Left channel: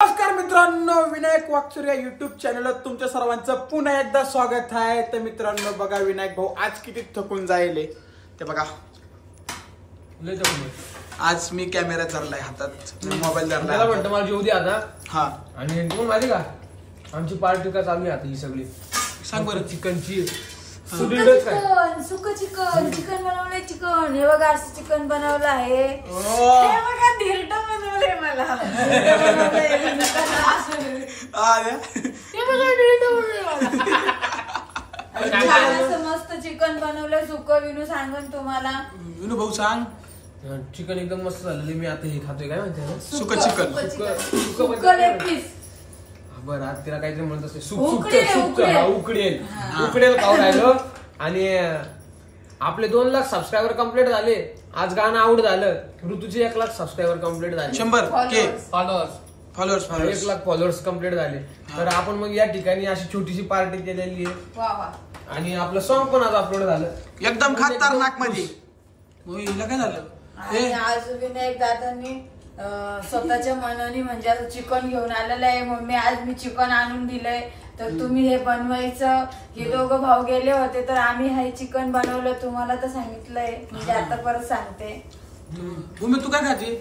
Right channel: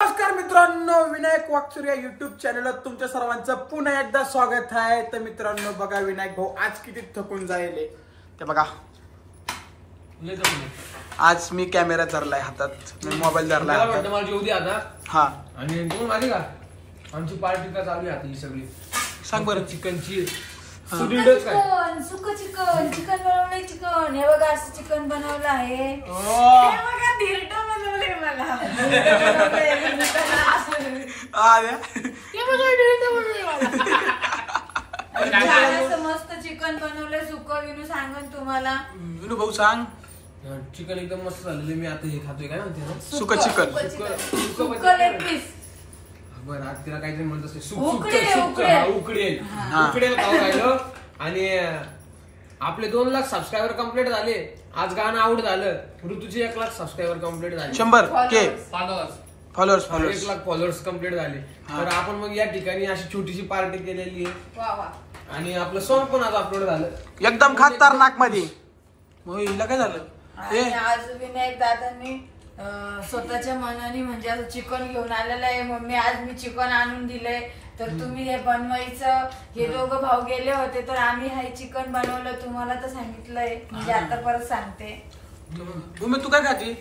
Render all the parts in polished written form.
नमस्कार मित्रांनो, विनायक वाकचुर या युट्यूब चॅनलवर तुमच्या सर्वांचं पुन्हा एकदा स्वागत आहे। तर मित्रांनो बघा, विनायक भाऊ आज किती थकून जायले ते बघा। आज मी कॅमेरा धरलाय हातात, मी मोबाईल धरलाय हातात। मला जेवू दे आता। हा, आणि तुम्ही माहिती का आमची पार्टी का चालू आहे आता ही सगळी? सांग बरं। चिकनची चिकन सुक चिकन चिकन बनवलंय। चिकन हे बघा, असं चिकन बनवलं आहे। हे बघा, धिरट बनवलंय मला। असं मस्त चिकन बनवलंय। सुक विनू सांगन तुम्हाला। विनू भाऊ सांग। चिकन एकदम मस्त झालेलं। मी आता हे खातोय, काय म्हणते सुक चिकन। सुक लेग पीस। बरं, आज तिला काहीतरी म्हणत असते सुक उकडेल खाऊ राहिलो। आणि आपले 2 लाख सबस्क्रायबर कम्प्लीट झाले। आज गाणं आवड झालं। ऋतूचे 1 लाख सबस्क्रायबर कम्प्लीट झाले। 100K followers 1 lakh followers complete झाले। तर आपण मग या ठिकाणी अशी छोटीशी पार्टी केलेली आहे। आणि आपलं सॉन्ग पण आज अपलोड झालं एकदम खतरनाक मध्ये। हिला काय झालं? आज विनायक दादांनी स्वतःच्या मनाने म्हणजे आता चिकन घेऊन आलेलं आहे। मम्मी आज मी चिकन आणून दिलंय, तर तुम्ही हे बनवायचं। हे दोघं भाऊ गेले होते, तर आम्ही हे चिकन बनवलं। तुम्हाला तर सांगितलंय, म्हणजे आता परत सांगते। भूमी तू काय खाती?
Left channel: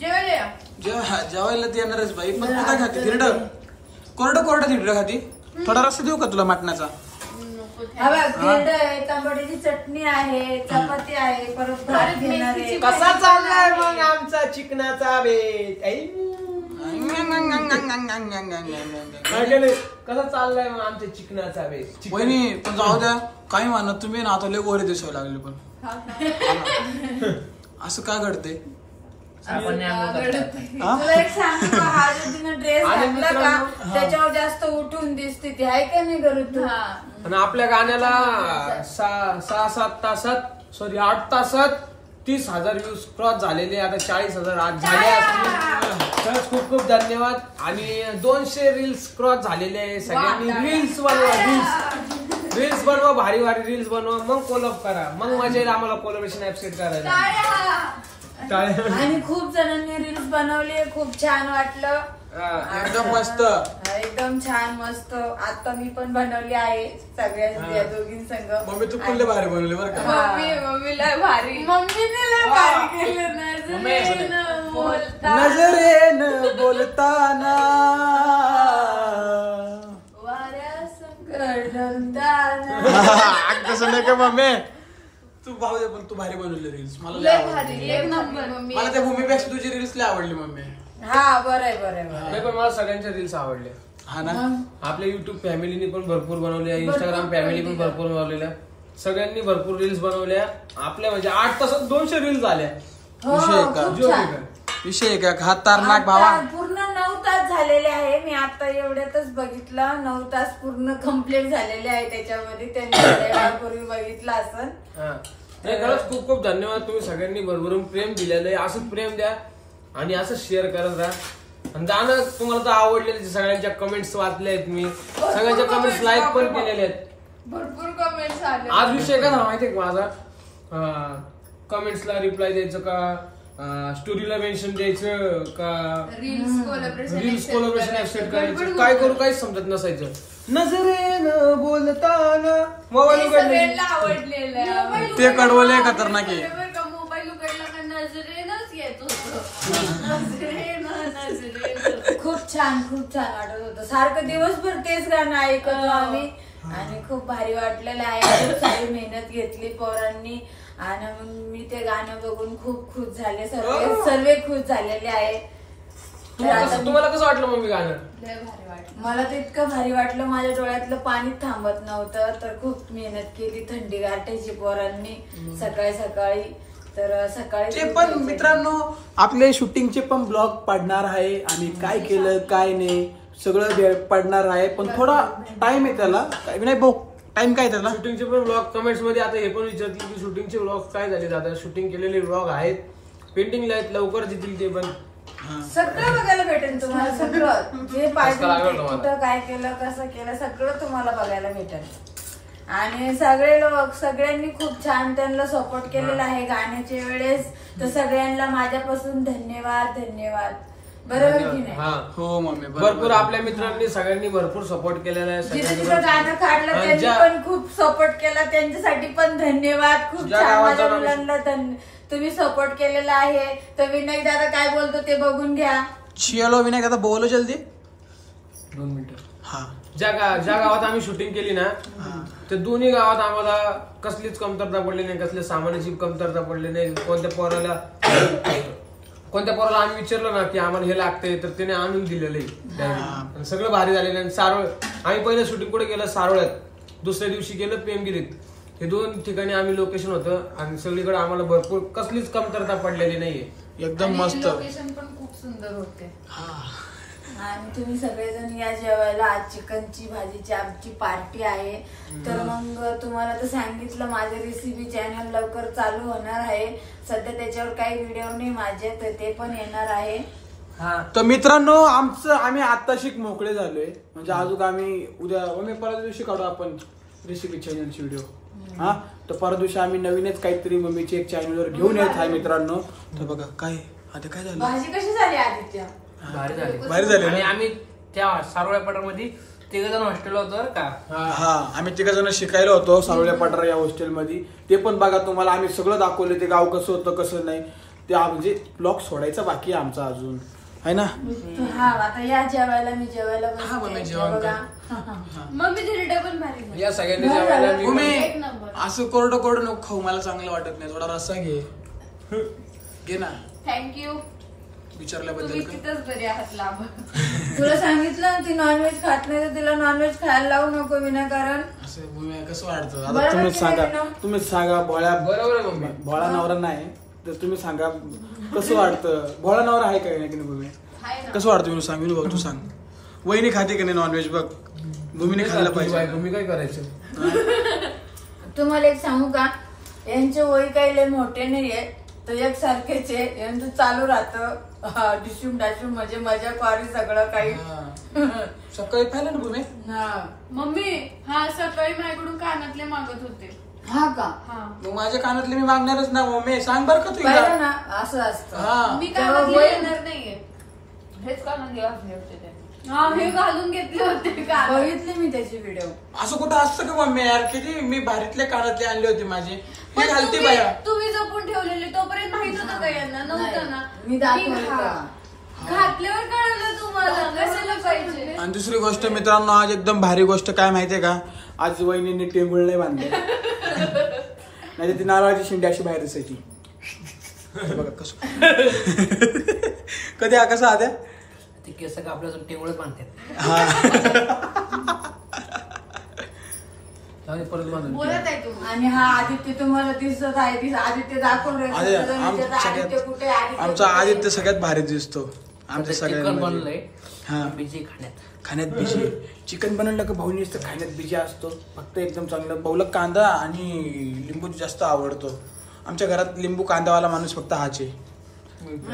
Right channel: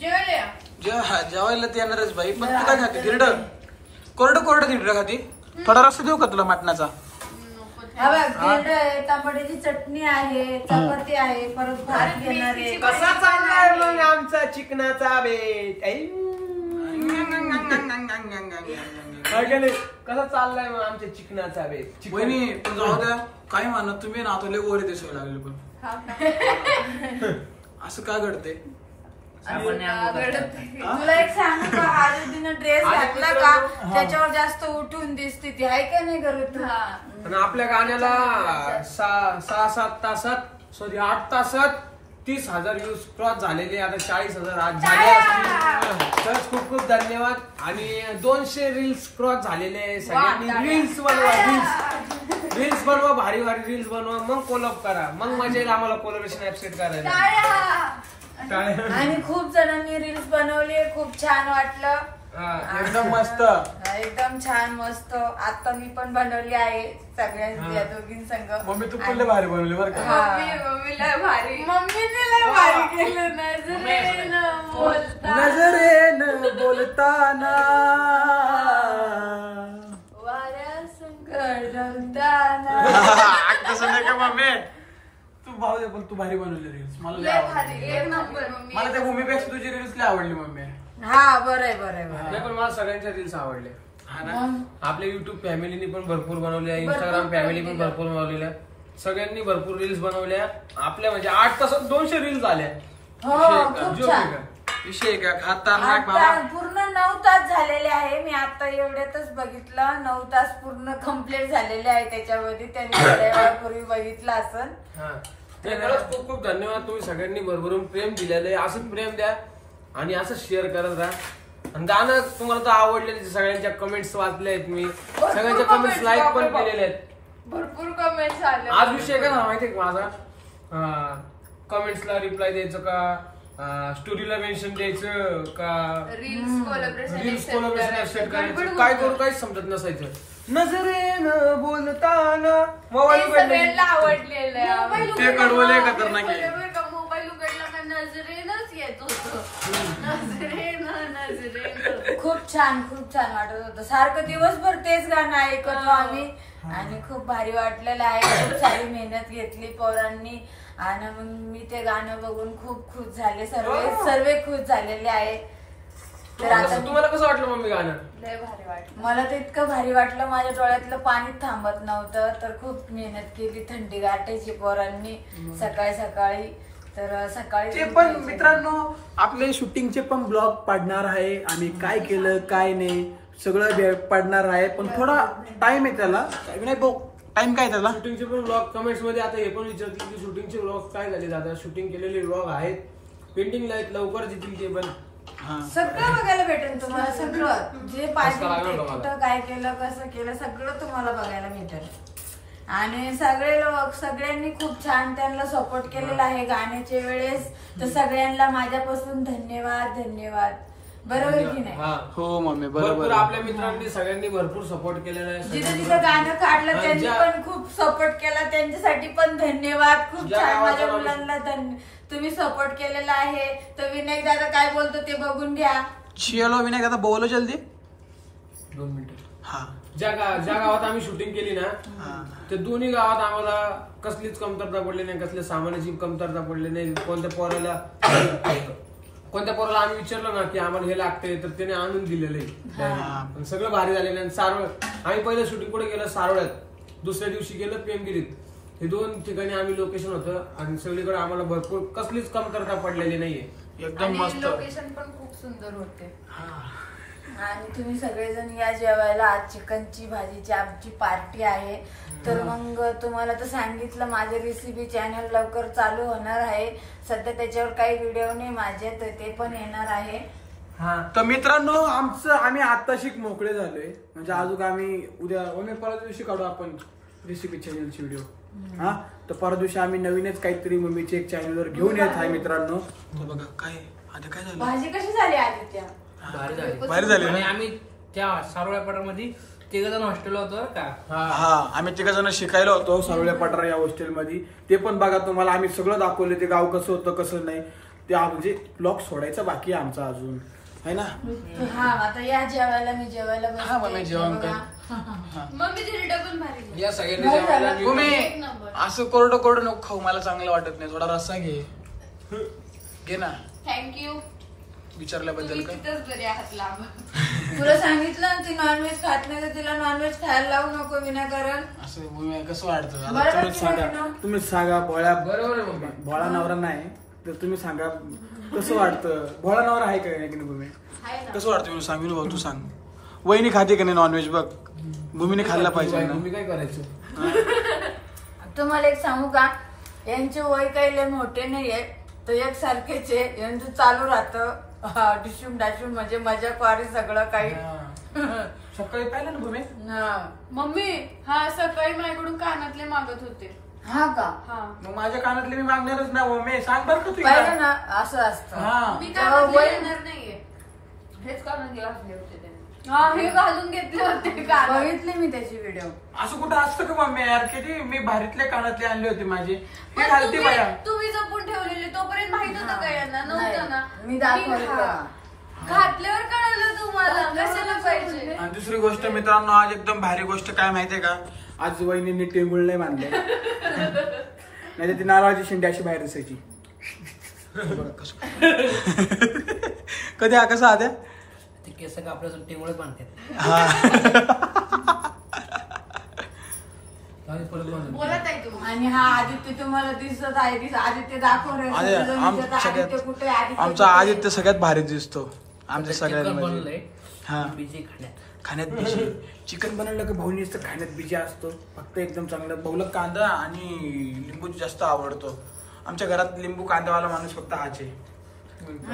जेवायला ते येणारच बाई, पण तू काय खाते? धिरड कोरडं धिरड खाती? थोडा रस्सा देऊ का तुला मटणाचा? तांबडीची चटणी आहे, चपाती आहे, परत भात घेणार आहे। कसा चाललाय मग आमचा चिकनाचा बेत? कसा चाललाय मग आमच्या चिकनाचा बेत? वहिनी पण जाऊ द्या, काही म्हणत तुम्ही ना आता लय गोरे दिसायला लागले। पण असं काय घडते? तुला एक सांगू का, हा जो तिने ड्रेस घातला का त्याच्यावर जास्त उठून दिसते ती, आहे का नाही करू तू? पण आपल्या गाण्याला 6-7 तासात 8 तासात 30,000 व्ह्यूज क्रॉस झालेले। आता 40,000 आज झाले असतील। तर खूप खूप धन्यवाद। आणि 200 रील्स क्रॉस झालेले आहे। सगळ्यांनी रील्स बनवा, भारी भारी रील्स बनवा, मग कोलॅब करा, मग मजा येईल आम्हाला कोलॅबोरेशन ऍप्सेट करायला। आणि खूप जणांनी रील्स बनवली, खूप छान वाटलं। एकदम मस्त, एकदम छान मस्त। आता मी पण बनवली आहे सगळ्या दोघीं संग। मम्मी तू पण लय भारी बनवली बरं का? मम्मीने लय भारी केलं। नजरेनं बोलताना वाऱ्या संकट ढळताना। कसं नाही का मम्मी? तू भाऊ दे, पण तू भारी बनवली रील्स। मला लय आवडली। एक नंबर। मला त्या भूमीपेक्षा तुझी रील्स लय आवडली मम्मी। हा, बरं आहे। पण मला सगळ्यांच्या रील्स आवडल्या। हा ना, आपल्या युट्यूब फॅमिलीने पण भरपूर बनवल्या, इंस्टाग्राम फॅमिली पण भरपूर बनवलेल्या, सगळ्यांनी भरपूर रील्स बनवल्या। आपल्या म्हणजे 8 तासात 200 रील्स झाल्या। विषय का खतरनाक भावा? पूर्ण 9 तास झालेले आहे। मी आता एवढ्यातच बघितलं, 9 तास पूर्ण कम्प्लीट झालेले आहे त्याच्यामध्ये। त्यांनी थोड्या वेळापूर्वी बघितलं असं। खरंच खूप खूप धन्यवाद। तुम्ही सगळ्यांनी भरभरून प्रेम दिलेलं आहे। असंच प्रेम द्या आणि असं शेअर करत राहा। आणि गाणं तुम्हाला तर आवडले, सगळ्यांच्या कमेंट्स वाचले आहेत मी, सगळ्यांच्या कमेंट्स लाईक पण केलेले आहेत। भरपूर कमेंट्स आले। आज विषय काय माहितीये का माझा? कमेंट्सला रिप्लाय द्यायचं का, स्टोरीला मेन्शन द्यायचं का, रील्स कोलॅबोरेशन ऍक्सेप्ट करायचं, काय करू काहीच समजत नसायचं। नजरेनं बोलताना मोबाईल आवडलेलं ते कडवले खतरनाक आहे। मोबाईल उघडला का नजरेनच येत होतं। खूप छान वाटत होतं। सारखं दिवसभर तेच गाणं ऐकतो आम्ही, आणि खूप भारी वाटलेलं आहे। खूप सारी मेहनत घेतली पोरांनी, आणि मग मी ते गाणं बघून खूप खुश झाले। सर्व खुश झालेले आहे। तुम्हाला कसं वाटलं मम्मी गाणं? लय भारी वाटलं मला तर, इतकं भारी वाटलं माझ्या डोळ्यातलं पाणी थांबत नव्हतं। तर खूप मेहनत केली, थंडी गाठायची पोरांनी सकाळी। तर सकाळी ते पण मित्रांनो आपले शूटिंगचे पण ब्लॉग पडणार आहे। आम्ही काय केलं काय नाही सगळं पडणार आहे, पण थोडा टाइम आहे त्याला। नाही भाऊ, टाइम काय त्याला? शूटिंगचे पण ब्लॉग कमेंट्स मध्ये आता हे पण विचारतील की शूटिंगचे ब्लॉग काय झाले दादा? शूटिंग केलेले ब्लॉग आहेत, पेंटिंगला आहेत, लवकर येतील ते पण। सगळं बघायला भेटेल तुम्हाला। सगळं जे पाहिजे, कुठं काय केलं, कसं केलं, सगळं तुम्हाला बघायला भेटेल। आणि सगळ्यांनी खूप छान त्यांना सपोर्ट केलेला आहे गाण्याच्या वेळेस। तर सगळ्यांना माझ्यापासून धन्यवाद। बरोबर की नाही? हा. हो मम्मी भरपूर बरोबर. आपल्या मित्रांनी सगळ्यांनी भरपूर सपोर्ट केलेला आहे. जिथे सगळ्यांनी तिथं गाणं काढलं हा, त्यांनी ज्या- पण खूप सपोर्ट केला, त्यांच्यासाठी पण धन्यवाद. खूप ज्या छान गावाचं माझ्या नाव- मुलांना तुम्ही सपोर्ट केलेला आहे. तर विनायक दादा काय बोलतो ते बघून घ्या. चलो विनायक आता बोलो जल्दी. 2 मिनिटं. हा ज्या गावात आम्ही शूटिंग केली ना हा. ते दोन्ही गावात आम्हाला कसलीच कमतरता पडली नाही, कसल्या सामानाची कमतरता पडली नाही. कोणत्या पोराला आम्ही विचारलं ना की आम्हाला हे लागतंय तर त्याने आणून दिलेलं आहे direct. आणि सगळं भारी झालेलं आहे. सारोळ आम्ही पहिलं शूटिंग कुठे गेलं, सारोळ्यात. दुसऱ्या दिवशी गेलं पेमगिरीत. हे 2 ठिकाणी आम्ही लोकेशन होतं आणि सगळीकडे आम्हाला भरपूर कसलीच कमतरता पडलेली नाहीये. एकदम मस्त. लोकेशन पण खूप सुंदर होते. हा. आणि तुम्ही सगळेजण या जेवायला. आज चिकनची भाजीची आमची पार्टी आहे. तर मग तुम्हाला तर सांगितलं माझे रेसिपी चॅनल लवकर चालू होणार आहे. सध्या त्याच्यावर काही व्हिडिओ नाही माझे, तर ते पण येणार आहे. तर मित्रांनो आम्ही आत्ताशी मोकळे झालोय. म्हणजे अजून आम्ही उद्या परत दिवशी काढू आपण रेसिपी चॅनलची व्हिडिओ. हा तर परत दिवशी आम्ही नवीनच काहीतरी मम्मीचे एक चॅनलवर घेऊन येत आहे मित्रांनो. तर बघा काय आता काय झालं. भाजी कशी झाली आदित्य? भारी झाली आणि ना. आम्ही त्या सारोळ्या पटामध्ये 3 जण हॉस्टेल होतो बरं का. हा आम्ही 3 जण शिकायला होतो सारोळ्या पठार या हॉस्टेलमध्ये. ते पण बघा तुम्हाला आम्ही सगळं दाखवले. ते गाव कसं होतं कसं नाही ते म्हणजे ब्लॉग सोडायचा बाकी आहे आमचा अजून आहे ना. हा आता या जेवायला. मी जेवायला हा, मम्मी जेवण कर. मम्मीची रेडिओ पण भारी. या सगळ्यांनी जेवायला मी- तुम्ही असं कोरडं नको खाऊ, मला चांगलं वाटत नाही. थोडा रस्सा घे ना. थँक्यू. विचारल्याबद्दल काय. तिथंच बरी आहात लाभ. तुला सांगितलं ना ती नॉनव्हेज खात नाही तर तिला नॉनव्हेज खायला लावू नको विनाकारण. असं मम्मी कसं वाटतं आता बरोबर तुम्हीच की सांगा. नाही? तुम्हीच सांगा. बरोबर आहे मम्मी. भोळा नवरा नाही तर तुम्ही सांगा कसं वाटतं. भोळा नवरा आहे का नाही की नाही भूमी? कसं वाटतं विनू सांग. विनू भाऊ तू सांग. वहिनी खाते का नाही नॉनव्हेज? बघ भूमीने खाल्ला पाहिजे ना. तुम्ही काय करायचं? तुम्हाला एक सांगू का, यांचे वय काही लय मोठे नाहीये तर एक सारखेच आहे. यांचं चालू राहतं डिशूम डाशूम म्हणजे मजा क्वारी सगळं काही. सकाळी पाहिलं ना भूमी. मम्मी हा सकाळी माझ्याकडून कानातले मागत होते. हा का? हा मग माझ्या कानातले मी मागणारच ना मम्मी. सांग बरं का तू पाहिलं एकदा. ना असं असतं. हा मी तेव्हा कानातले वय- येणार नाहीये. हेच कानातले घातले होते त्यांनी. हा हे घालून घेतले होते कानात. बघितली मी त्याची व्हिडिओ. असं कुठं असतं का मम्मी यार. किती मी भारीतले कानातले आणले होते माझे. पण हे घालती तुम्ही बाया. तुम्ही जपून ठेवलेले तोपर्यंत माहित होतं का यांना? नव्हतं ना. मी दाखवलं हा. का? घातल्यावर कळलं तुम्हाला कशाला पाहिजे. आणि दुसरी गोष्ट मित्रांनो आज एकदम भारी गोष्ट काय माहितीये का. आज वहिनींनी टेंगुळ नाही बांधले. नाही तर ती नारळाची शेंडी अशी बाहेर दिसायची. कधी हा कसा आद्या. ते केस कापल्या टेंगुळच बांधतात. चालेल, परत बांधून. बोलत आहे तुम्ही. आणि हा आदित्य तुम्हाला दिसत आहे. आदित्य दाखवून रे. आद्या, आदित्य कुठे? आमचा आदित्य सगळ्यात भारी दिसतो आमच्या चिकन सगळ्यांमध्ये. बनलंय हा बिजी खाण्यात. खाण्यात बिजी. चिकन बनवलं का भाऊनी असतं खाण्यात बिजी असतो. फक्त एकदम चांगलं भाऊला कांदा आणि लिंबू जास्त आवडतो. आमच्या घरात लिंबू कांदावाला माणूस फक्त हाच आहे.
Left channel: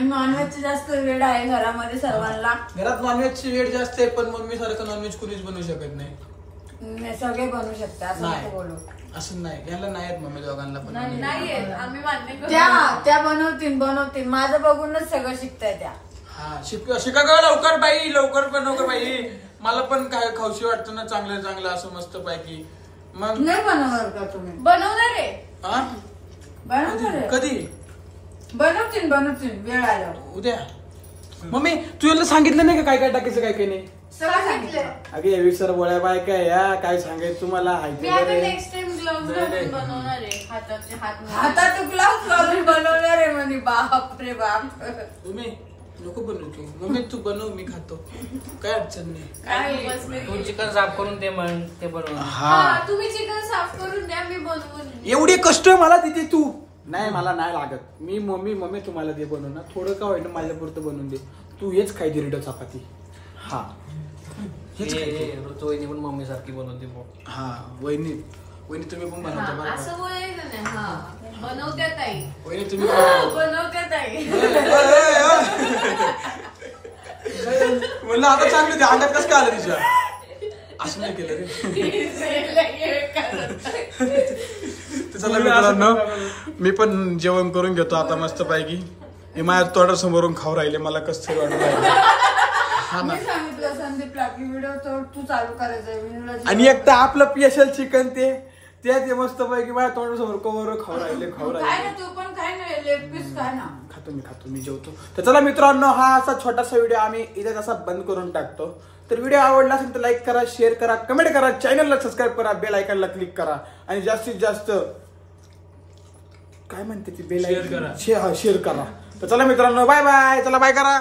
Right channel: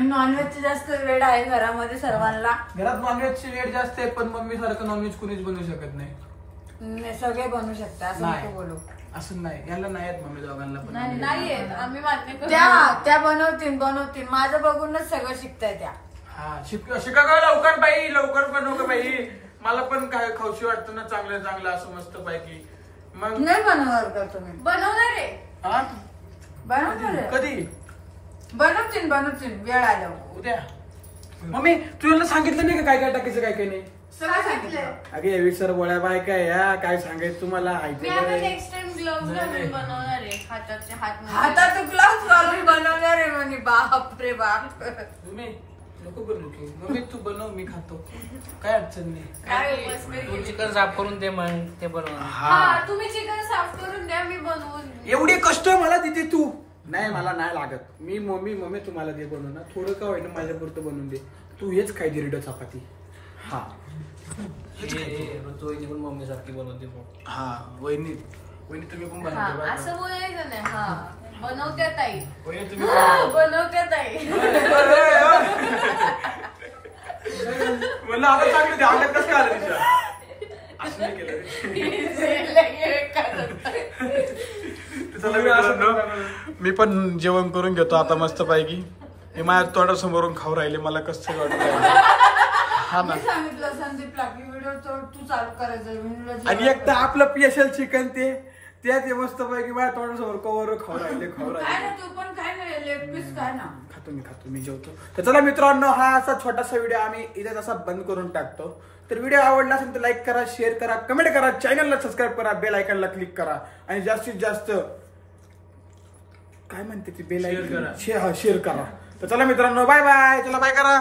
नॉनव्हेजची जास्त वेळ आहे घरामध्ये सर्वांना. घरात नॉनव्हेजची रेट जास्त आहे पण मम्मी सारखं नॉनव्हेज कुणीच बनवू शकत नाही. सगळे बनवू शकता असं नाही. नको बोलू. असं नाही. याला नाही आहेत मम्मी दोघांना पण. नाहीये आम्ही मान्य त्या बनवतील. माझं बघूनच सगळं शिकताय त्या. हा शिका का लवकर बाई. लवकर बनव का बाई. मला पण काय खाऊशी वाटतं ना चांगलं चांगलं असं मस्त पैकी. मग नाही बनवणार का तुम्ही? बनवणार आहे. हा? बनवणार कधी बनवतील वेळ आलो. उद्या. मम्मी तू याला सांगितलं नाही का काय काय टाकायचं काय काय नाही. सगळं सांगितलं. अगे यावी सर बोळ्या बाय काय या काय सांगायचं तुम्हाला मी हायते आता बरे. नेक्स्ट टाइम ग्लोव्ह घालून बनवणार आहे. हाताचे हात हातात ग्लास घालून बनवणार आहे म्हणे. बाप रे बाप. तुम्ही नको बनवू तू. मम्मी तू बनव मी खातो. काय अडचण नाही. काय चिकन साफ करून ते मग ते बनवा. हा तुम्ही चिकन साफ करून द्या मी बनवून. एवढे कष्ट मला तिथे तू नाही. मला नाही लागत. मी मम्मी तुम्हाला दे बनवून ना. थोडं का होईना माझ्या पुरतं बनवून दे. तू हेच खाय दिरड चपाती. हा ऋतुवाहिनी पण मम्मी सारखी बनवते बघ. हा वहिनी तुम्ही पण बनवते बरं असं का? बोलायचं नाही. हा बनवत्या ताई. वहिनी तुम्ही बनवत्या ताई. म्हणलं आता चांगलं ते अंगात कसं काय आलं तिच्या. असं नाही केलं रे. चला मित्रांनो मी पण जेवण करून घेतो आता मस्त पैकी. हे माझ्या तोंडासमोरून खाऊ राहिले, मला कसं तरी वाटत राहिलं. हा ना. मी सांगितलं संदीपला की व्हिडिओ तू चालू करायचं. आणि एक तर आपलं स्पेशल चिकन ते मस्त पैकी माझ्या तोंडासमोर कवर खाऊ राहिले. काय ना तू पण काय नाही लेग पीस काय ना. खातो मी जेवतो. तर चला मित्रांनो, हा असा छोटासा व्हिडिओ आम्ही इथे असा बंद करून टाकतो. तर व्हिडिओ आवडला असेल तर लाईक करा, शेअर करा, कमेंट करा, चॅनलला सबस्क्राईब करा, बेल आयकॉनला क्लिक करा आणि जास्तीत जास्त काय म्हणते ती बेल आयकॉन शेअर करा. तर चला मित्रांनो, बाय बाय. चला बाय करा.